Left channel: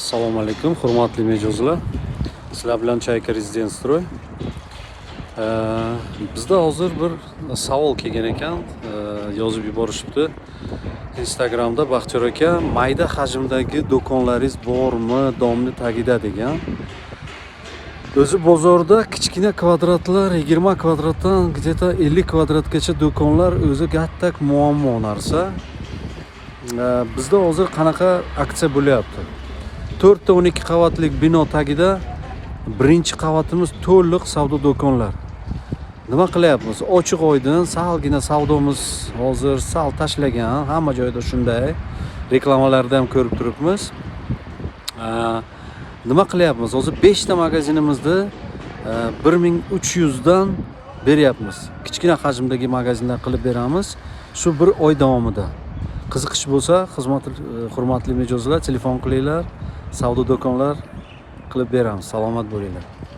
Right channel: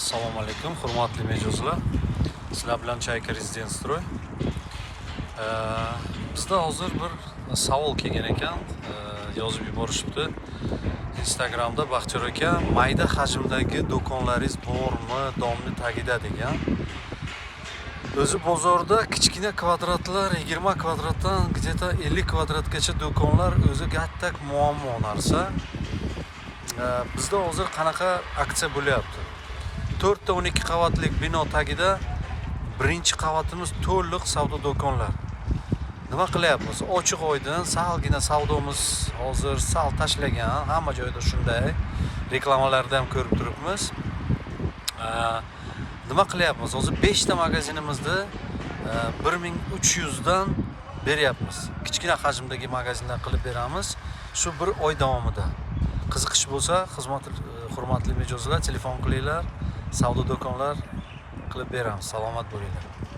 Assalomu alaykum, hurmatli mijozlar. Sizlar bilan Chayka Rezident Stroy. Bizda hozir bir savol kelgan ekan, yozib yuborishibdi. Instagramda Baxtiyor aka, mayda hajmdagi do'konlaringiz bormi, domni tagida degan. O'zi bozorda kichkina kvadratlar 20 kvadratdan где-то 50 kvadratgacha do'konlar o'zi gattak muammo narsa. Bizda hozir qanaqa aksiya bo'lyapti? 4 ta 12 qavatlik bino tagida birinchi qavatimiz to'liq savdo do'konlar. Nima qilyapmiz? Ochiq oydin, salgina savdomiz hozir sal tashlagan, hamma joyda shunday. Reklamalarda ham ko'rib turibmiz. Nima qilyapmiz? Hozir 5 ta magazinimizda 1300 dan beryapmiz. Kichkina hajmdagi magazinlar qilib beramiz. Shu bir oy davomida. Qiziqish bo'lsa, hurmatli mijozlar, telefon qilinglar, savdo do'konlar qilib beramiz. Salomat bo'linglar.